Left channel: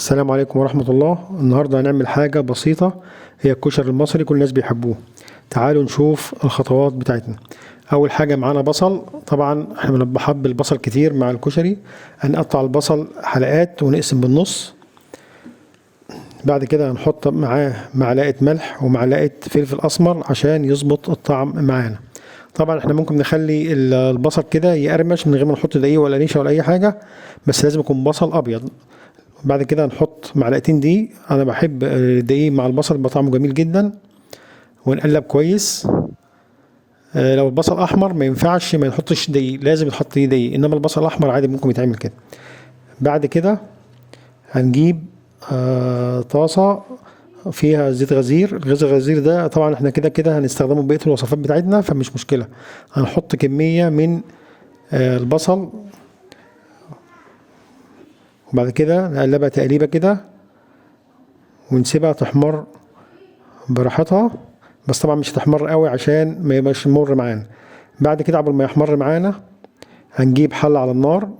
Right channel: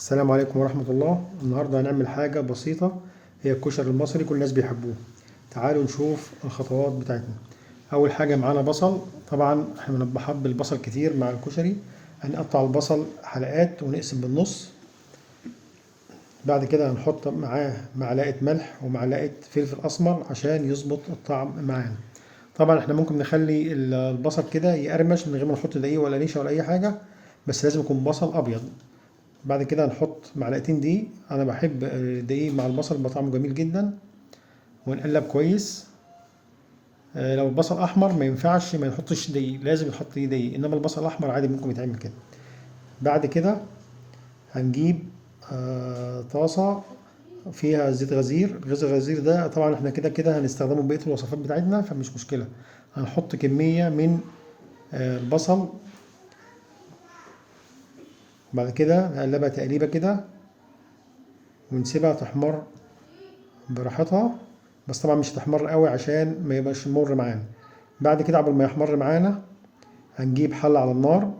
السلام عليكم ورحمة الله. النهاردة هنعمل حاجة بسيطة، هي الكشري المصري كل الناس بيحبوه. تعالوا نشوف الخطوات بتاعتنا. أول حاجة معانا بصل، طبعا احنا بنحب البصل كتير مع الكشري. هنقطع البصل حلقات ونقسم بالنص. بعد كده هنحط معاه معلقة ملح ومعلقة فلفل أسمر عشان يظبط الطعم معانا. طبعا احنا ممكن نخلي البصل كده يقرمش من غير ما نحط دقيق ولا نشا ولا أي حاجة، بس لازم يكون بصل أبيض. بعد كده نحط معلقتين دقيق، انا بحب الدقيق مع البصل بيبقى طعمه جميل جدا. ونقلب كويس. لو البصل احمر ما ينفعش ما نحطش دقيق، لازم يتحط فيه دقيق، انما البصل الاحمر عادي ممكن يتعمل كده. بعد كده هنجيب طاسة فيها زيت غزير. الغزير ده طبعا احنا كده كده هنستخدمه بقية الوصفات بتاعتنا فمش مشكلة. هنحط كمية من البصل، وبعد كده نقلبها تقليبة كده ونسيبها تحمر براحتها، بس طبعا مش هتحمر قوي عشان ما يبقاش مر معانا. بعد كده قبل ما يحمر معانا هنجيب حلة على النار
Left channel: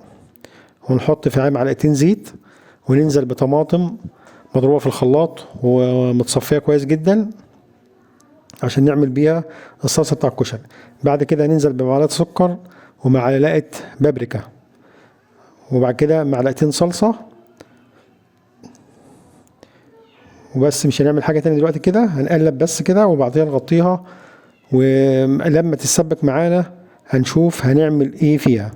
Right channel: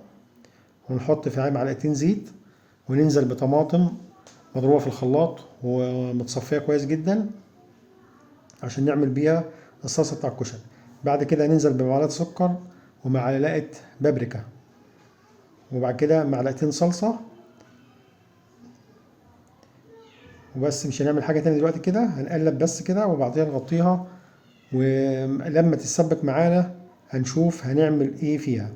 ونحط فيها معلقتين زيت، وننزل بطماطم مضروبة في الخلاط ومتصفية كويس جدا عشان نعمل بيها الصلصة بتاع الكشري. بعد كده ننزل بمعلقة سكر ومعلقة بابريكا، وبعد كده معلقتين صلصة وبس. مش هنعمل حاجة تانية دلوقتي، كده هنقلب بس كده وبعدين نغطيها، ولما تتسبك معانا هنشوف هنعمل ايه فيها.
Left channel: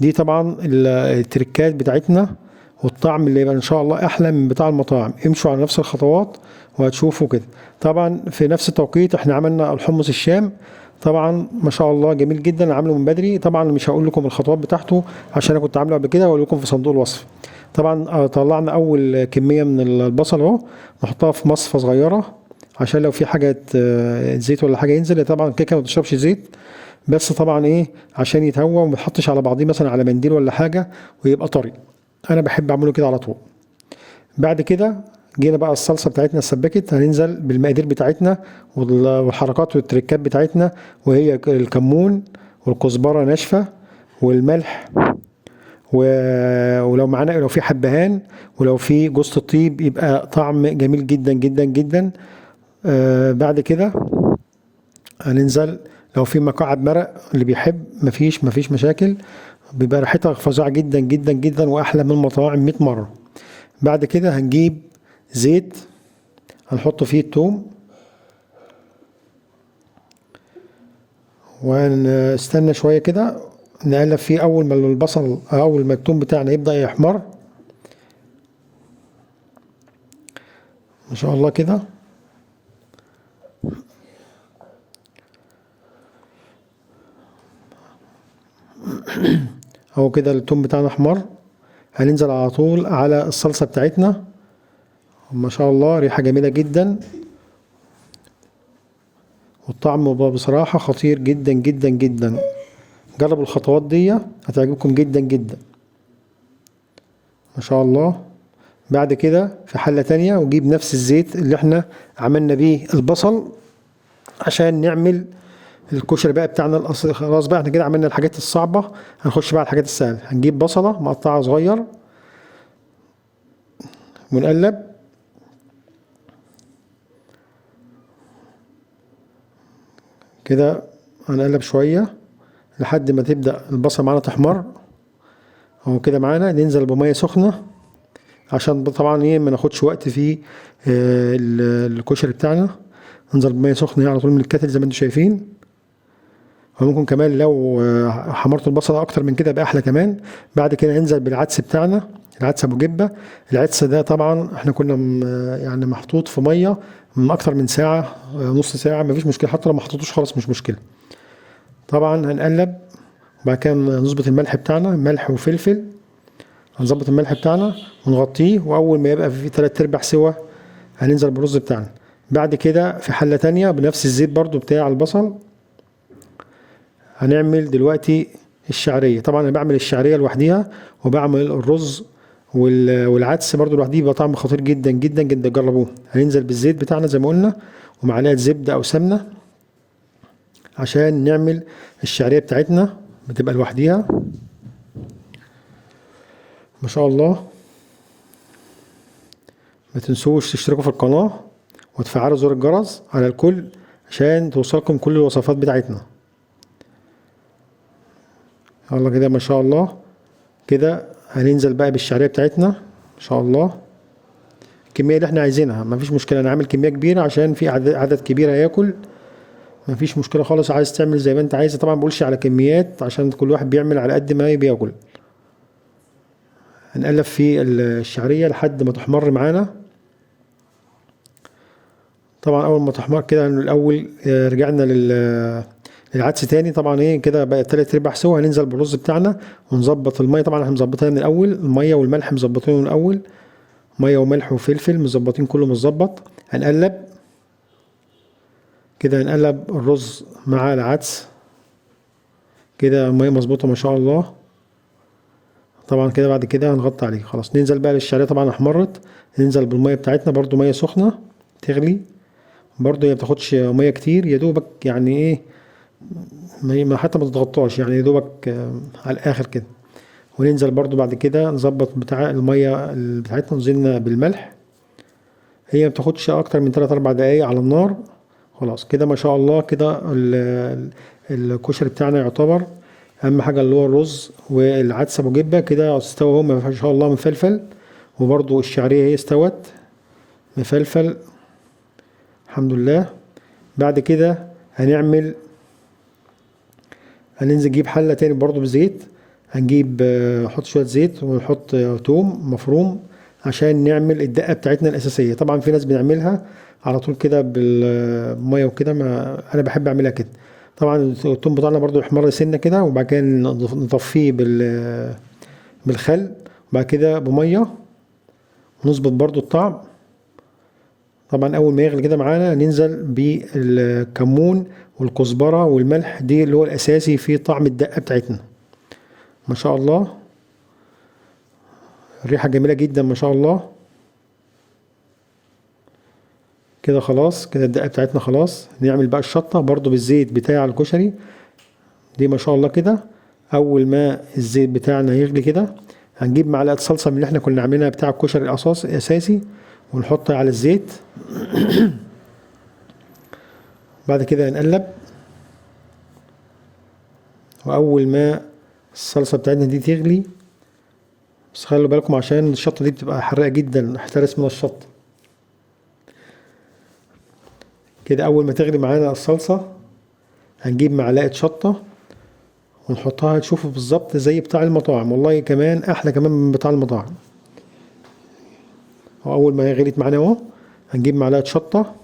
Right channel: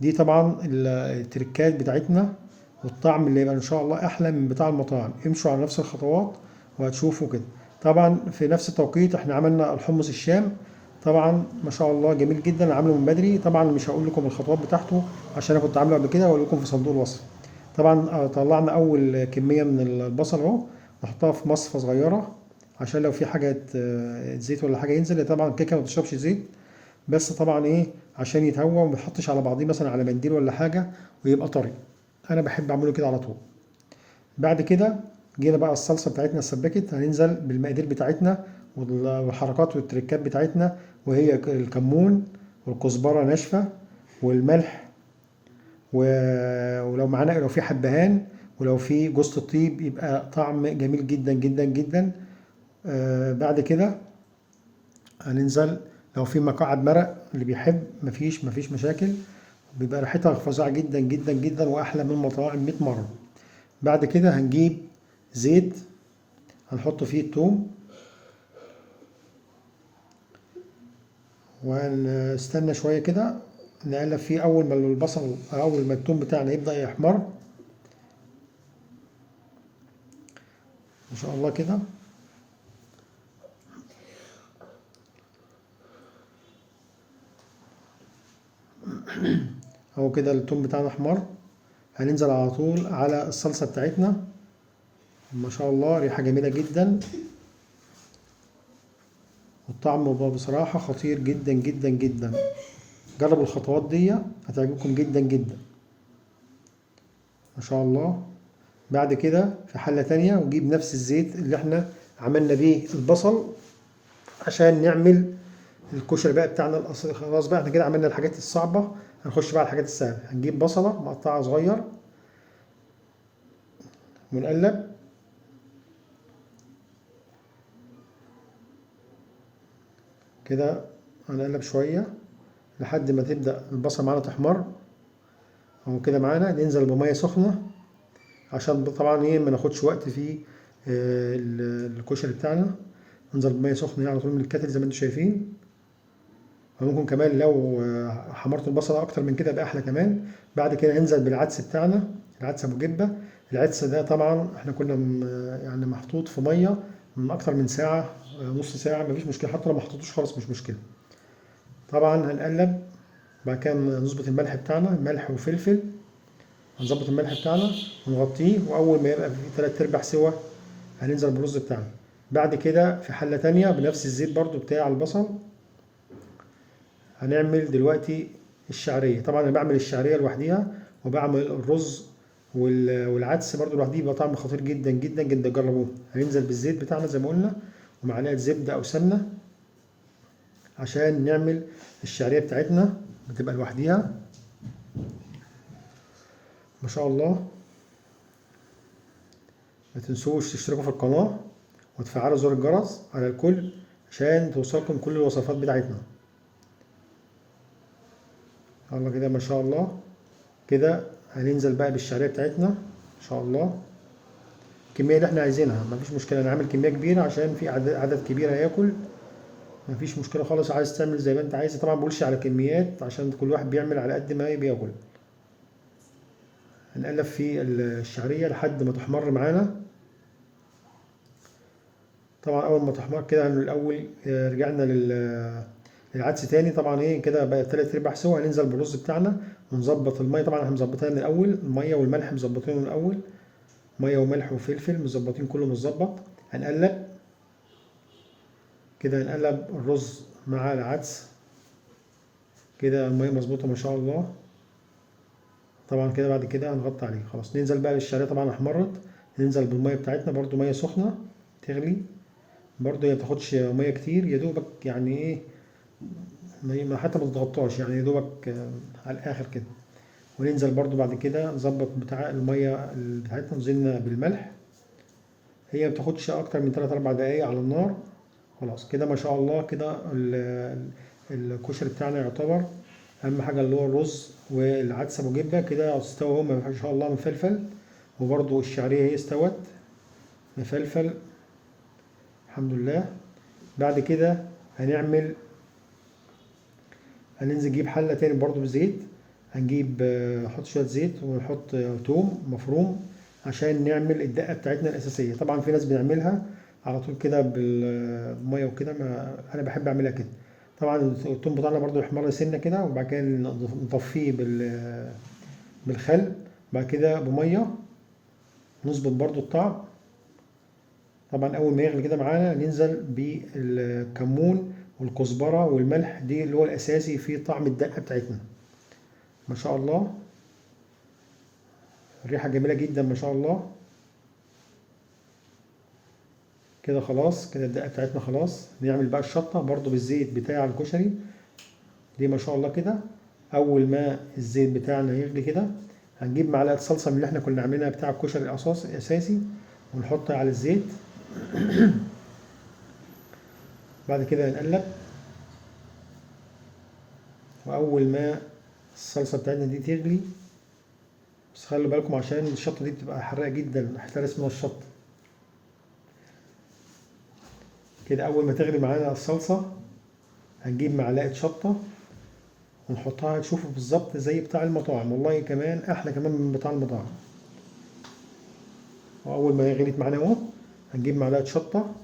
دي طبعا التركات بتاعتنا، والطعم اللي يبقى ان شاء الله احلى من بتاع المطاعم. امشوا على نفس الخطوات وهتشوفوا كده. طبعا في نفس التوقيت احنا عملنا الحمص الشام، طبعا ما شاء الله جميل جدا، عامله من بدري. طبعا مش هقول لكم الخطوات بتاعته عشان انا كنت عامله قبل كده، واقول لكم في صندوق الوصف. طبعا طلعنا اول كميه من البصل اهو، نحطها في مصفى صغيره عشان لو في حاجه زيت ولا حاجه ينزل. طبعا الكيكه ما تشربش زيت، بس طبعا ايه عشان يتهوى وما يتحطش على بعضيه مثلا على منديل ولا حاجه ويبقى طري. انا بحب اعمله كده على طول. بعد كده جينا بقى الصلصه بتاعتنا اتسبكت، هننزل بالمقادير بتاعتنا والحركات والتريكات بتاعتنا، وهي الكمون والكزبره ناشفه والملح ولو معانا لو في حبهان ولو في جوز الطيب يبقى طعم جميل جدا جدا جدا. بعد كده هننزل لو في مكعب مرق اللي بيحب، مفيش مشاكل، بيبقى ريحتها فظيعة جدا جدا جدا واحلى من المطاعم 100 مرة. بعد كده هنجيب زيت هنحط فيه التوم، وهنستنى شوية كده نقلب فيه اول ما البصل اول ما التوم بتاعنا يبدأ يحمر ما شاء الله كده. اهو كده التوم بتاعنا احمر، هننزل على طول على الصلصة بتاعتنا. ما شاء الله ريحة جميلة جدا، والطعم بصراحة خطير جدا جدا جدا. جربوا الخطوات دي هتعجبكم جدا جدا ما شاء الله. بعد كده في حلة تانية ونجيب نفس الزيت اللي احنا عملنا بيه البصل عشان نعمل الكشري بقى بتاعنا الاصلي. خلاص بقى احنا كده عملنا الحاجات الصعبة، هنخش بقى على الحاجات السهلة. هنجيب بصلة مقطعة صغير ونقلب كده، هنقلب شوية لحد ما تبدأ البصل معانا تحمر. اهو كده معانا ننزل بمية سخنة عشان طبعا ايه ما ناخدش وقت في الكشري بتاعنا. ننزل بمية سخنة على طول من الكاتل زي ما انتم شايفين. وممكن كمان لو حمرت البصل اكتر من كده يبقى احلى كمان. بعد كده ننزل بالعدس بتاعنا، العدس ابو جبه. العدس ده طبعا احنا كنا يعني محطوط في ميه من اكتر من ساعه، نص ساعه مفيش مشكله، حتى لو ما حطيتوش خلاص مش مشكله. طبعا هنقلب، بعد كده نظبط الملح بتاعنا، ملح وفلفل. هنظبط الملح بتاعنا ونغطيه، واول ما يبقى فيه 3/4 سوا هننزل بالرز بتاعنا. بعد كده في حله تانية بنفس الزيت برضو بتاع البصل هنعمل دلوقتي الشعريه. طبعا انا بعمل الشعريه لوحديها، وبعمل الرز والعدس برضو لوحديه، بيبقى طعم خطير جدا جدا جدا، جربوه. هننزل بالزيت بتاعنا زي ما قلنا ومعلقه زبده او سمنه عشان نعمل الشعريه بتاعتنا، بتبقى لوحديها ما شاء الله. ما تنسوش تشتركوا في القناة وتفعلوا زر الجرس على الكل عشان توصلكم كل الوصفات بتاعتنا. يلا كده ما شاء الله. كده هننزل بقى بالشعرية بتاعتنا ما شاء الله. الكمية اللي احنا عايزينها مفيش مشكلة، انا عامل كمية كبيرة عشان في عدد كبير هياكل، مفيش مشكلة خالص. عايز تعمل زي ما انت عايز، طبعا مبقولش على كميات عشان كل واحد بيعمل على قد ما بياكل. هنقلب في الشعرية لحد ما تحمر معانا. طبعا اول ما تحمر كده الاول رجعنا للعدس تاني. طبعا ايه كده بقى تلات ارباع سوا. هننزل بالرز بتاعنا ونظبط المية. طبعا احنا مظبطينها من الاول، المية والملح مظبطينه من الاول، مية وملح وفلفل مظبطين كله متظبط. هنقلب كده، هنقلب الرز مع العدس كده، المية مظبوطة ما شاء الله. طبعا كده بعد كده هنغطي عليه خلاص. ننزل بقى للشعرية طبعا احمرت، ننزل بالمية بتاعتنا برضو مية سخنة تغلي. برضو هي مبتاخدش مية كتير، يا دوبك يعني ايه حتى ما تتغطاش، يعني يا دوبك على الاخر كده. وننزل برضو بعد كده نظبط بتاع المية بتاعتنا، نزلنا بالملح. هي مبتاخدش اكتر من 3 4 دقايق على النار. خلاص كده ما شاء الله. كده الكشري بتاعنا يعتبر اهم حاجه اللي هو الرز والعدس ابو جبه كده استوى اهو ما شاء الله مفلفل. وبرضو الشعريه هي استوت مفلفل الحمد لله. بعد كده هننزل نجيب حله تاني برضو بزيت. هنجيب نحط شويه زيت ونحط توم مفروم عشان نعمل الدقه بتاعتنا الاساسيه. طبعا في ناس بنعملها على طول كده بالميه وكده، ما انا بحب اعملها كده. طبعا التوم بتاعنا برضو يحمر سنه كده، وبعد كده نطفيه بالخل، وبعد كده بميه ونظبط برضو الطعم. طبعا اول ما يغلي كده معانا ننزل بالكمون والكزبره والملح، دي اللي هو الاساسي في طعم الدقه بتاعتنا ما شاء الله. الريحه جميله جدا ما شاء الله. كده خلاص، كده الدقه بتاعتنا خلاص. نعمل بقى الشطه برضو بالزيت بتاع الكشري دي ما شاء الله. كده اول ما الزيت بتاعنا يغلي كده هنجيب معلقه صلصه من اللي احنا كنا عاملينها بتاع الكشري الاساسي ونحطها على الزيت. بعد كده نقلب، واول ما الصلصه بتاعتنا دي تغلي، بس خلوا بالكم عشان الشطه دي بتبقى حراقه جدا، احترس من الشطه. كده اول ما تغلي معانا الصلصه هنجيب معلقه شطه ونحطها، تشوفوا بالظبط زي بتاع المطاعم، والله كمان احلى كمان من بتاع المطاعم. واول ما هي غليت معانا اهو هنجيب معلقه شطه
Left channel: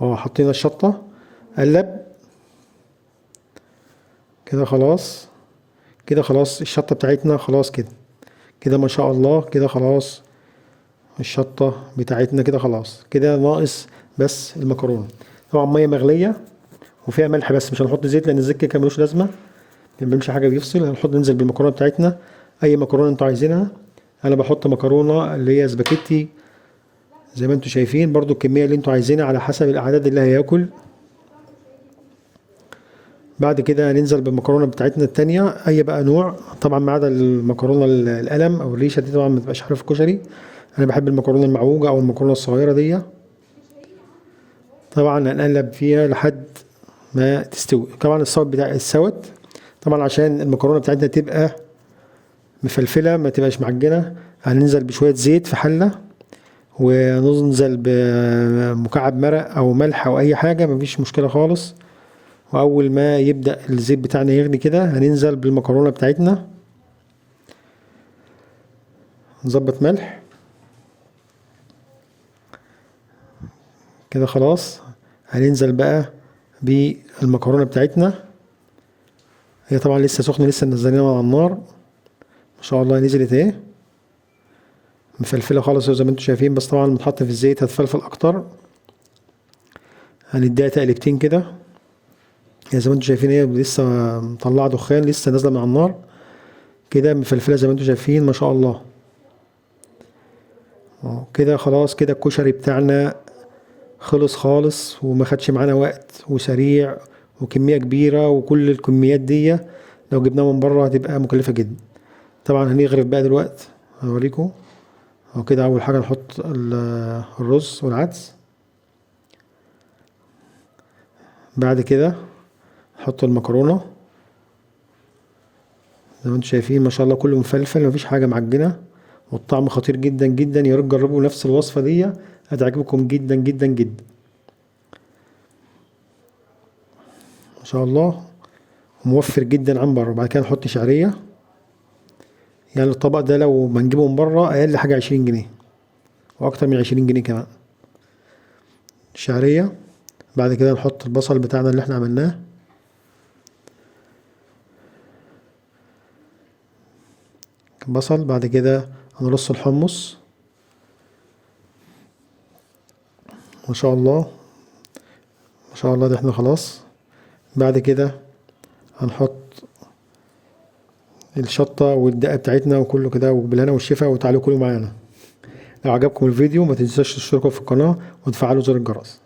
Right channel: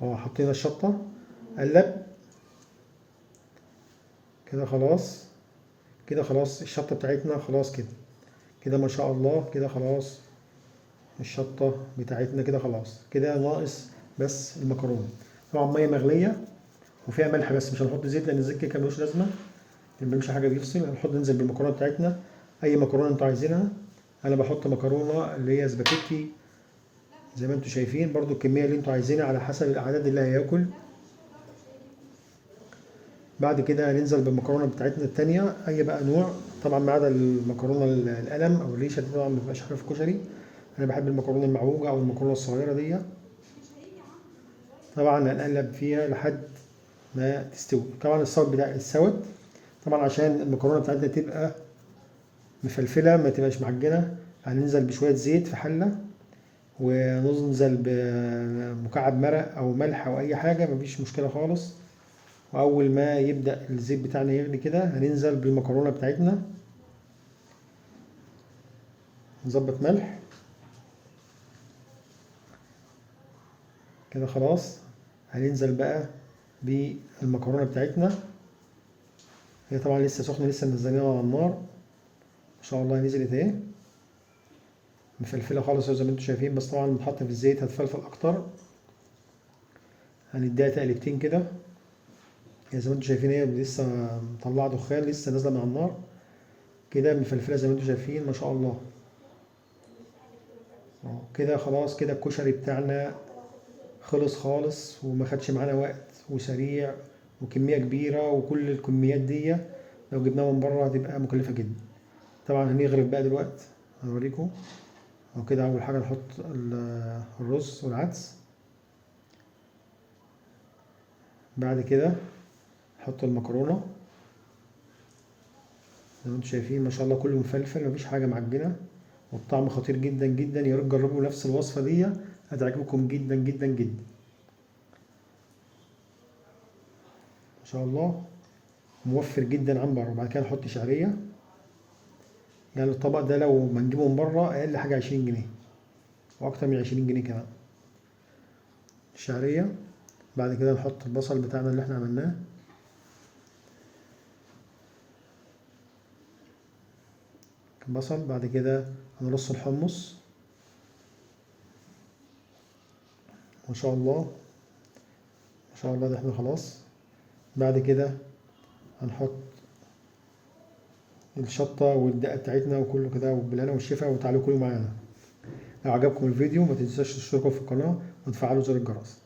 وحطينا الشطه، قلب كده خلاص. كده خلاص الشطه بتاعتنا خلاص كده. كده ما شاء الله. كده خلاص الشطه بتاعتنا كده خلاص. كده ناقص بس المكرونه. طبعا ميه مغليه وفيها ملح بس، مش هنحط زيت لان الزيت كده ملوش لازمه، ما بيعملش حاجه، بيفصل. ننزل بالمكرونه بتاعتنا، اي مكرونه انتوا عايزينها. انا بحط مكرونه اللي هي سباكيتي زي ما انتوا شايفين، برضو الكميه اللي انتوا عايزينها على حسب الاعداد اللي هياكل. بعد كده هننزل بالمكرونه بتاعتنا التانية اي بقى نوع، طبعا ما عدا المكرونه القلم او الريشه دي طبعا ما تبقاش حلوه في الكشري. انا بحب المكرونه المعوجه او المكرونه الصغيره دي. طبعا هنقلب فيها لحد ما تستوي. طبعا الصوت بتاع السوت طبعا عشان المكرونه بتاعتنا تبقى مفلفله ما تبقاش معجنه. هننزل بشويه زيت في حله، وننزل بمكعب مرق او ملح او اي حاجه مفيش مشكله خالص. واول ما يبدا الزيت بتاعنا يغلي كده هننزل بالمكرونه بتاعتنا، نظبط ملح كده خلاص. هننزل بقى بالمكرونه بتاعتنا، هي طبعا لسه سخنه، لسه منزلينها على النار ما شاء الله. نزلت اهي مفلفله خالص زي ما انتم شايفين، بس طبعا متحط في الزيت هتفلفل اكتر. هنديها تقلبتين كده، هي زي ما انتم شايفين هي لسه مطلعه دخان، لسه نازله من على النار كده مفلفله زي ما انتم شايفين ما شاء الله. كده خلاص. كده الكشري بتاعنا خلص خالص وما خدش معانا وقت وسريع وكميه كبيره، وكل الكميات دي لو جبناها من بره هتبقى مكلفه جدا. طبعا هنغرف بقى دلوقتي هوريكم وكده اول حاجة نحط الرز والعدس. بعد كده نحط المكرونة زي ما انتم شايفين، ما شاء الله كله مفلفل، مفيش حاجة معجنة، والطعم خطير جدا جدا. يا ريت تجربوا نفس الوصفة دي، هتعجبكم جدا جدا جدا ما شاء الله، موفر جدا عن بره. بعد كده نحط شعرية، يعني الطبق ده لو بنجيبه من بره اقل حاجة 20 جنيه، واكتر من 20 جنيه كمان شعرية. بعد كده نحط البصل بتاعنا اللي احنا عملناه، بصل. بعد كده هنرص الحمص ما شاء الله ما شاء الله، ده احنا خلاص. بعد كده هنحط الشطة والدقة بتاعتنا وكله كده، وبالهنا والشفا، وتعالوا كلوا معانا. لو عجبكم الفيديو ما تنساش تشتركوا في القناة وتفعلوا زر الجرس.